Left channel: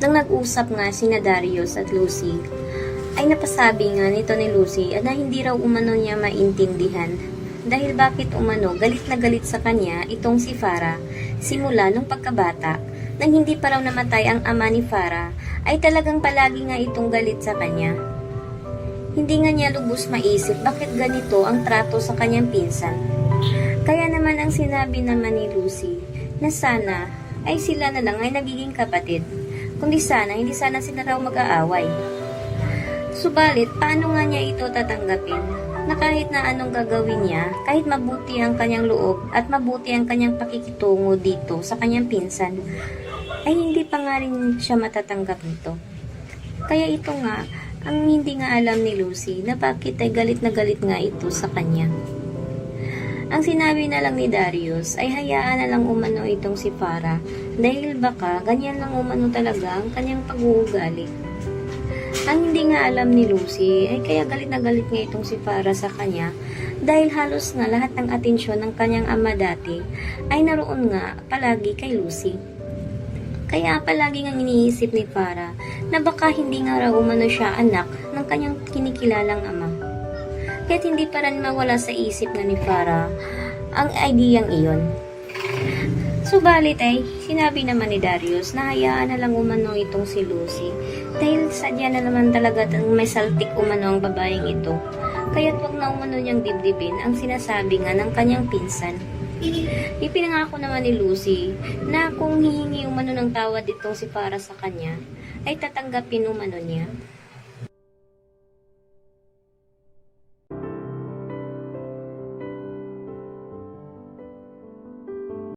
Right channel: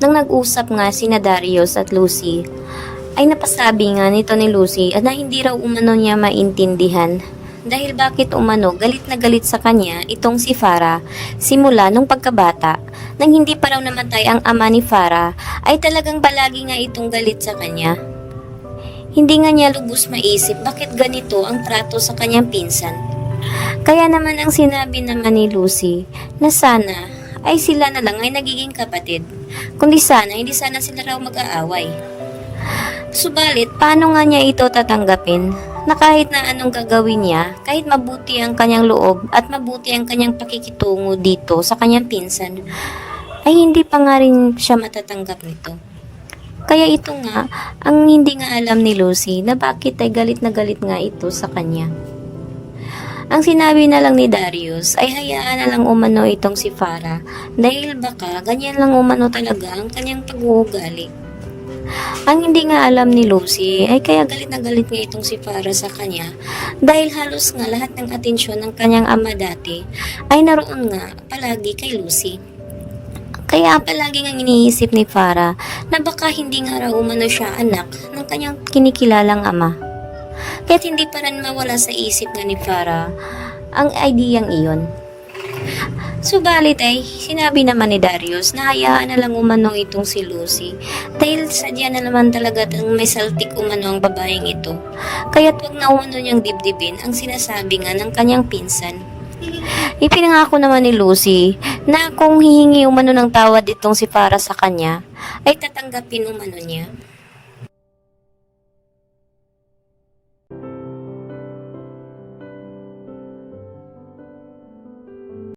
Nang nag-usap nga sina Darius at Lucy, ay napasabi nga nito ni Lucy at na hindi raw umano niya maintindihan dahil bakit umano galit na galit sa kanya itong si Farah simula nung pagkabata. Nang hindi pa raw namatay ang ama ni Farah ay talagang palagi nga itong galit sa kanya. Hindi nga niya lubos maisip bakit ganito ang trato sa kanyang pinsan. Kaya naman ang sinabi naman ni Lucy na sana ay sila na lang ay nagiging kapatid, kundi sana hindi sana sila raw mag-aaway. Subalit, paano nga niya ito tatanggapin na kahit na anong gagawin niya, kahit mabuti ang kanyang loob at mabuti ang kanyang pakikitungo dito sa kanyang pinsan, ay hindi pa nga rin siya matatanggap nito. Kaya ito nga, ang hindi nga alam ni Lucy na bakit ay galit na galit nga ito sa kanya. Ang sinabi na lang ni Darius ay hayaan na lang umano itong si Farah dahil baka ganyan lang umano talaga ang kanyang pag-uugali. Ang hindi nga alam ni Lucy ay kaya galit na galit nga itong si Farah sa kanya dahil halos nga lahat ng atensyon ng kanyang ama dati ay naroon nga palagi kay Lucy. Kaya palagi nga iniisip ni Farah na baka hindi nga raw umano siya anak ng kanyang kinikilalang ama. Kaya't hindi pa rin mawala sa isip nga ni Farah ang ideyang iyon. Subalit ay sinabi naman ni Darius na hayaan na lang umanong itong si Lucy dahil sadya na naman talaga may saltik umano ang babaeng ito. Kaya't wag na umano niyang dibdibin ang sinasabi nga ng kanyang pinsan. Ipinangako naman ni Lucy na kung hihingi umano ng tawad itong si Farah sa kanya ay tatanggapin umano niya.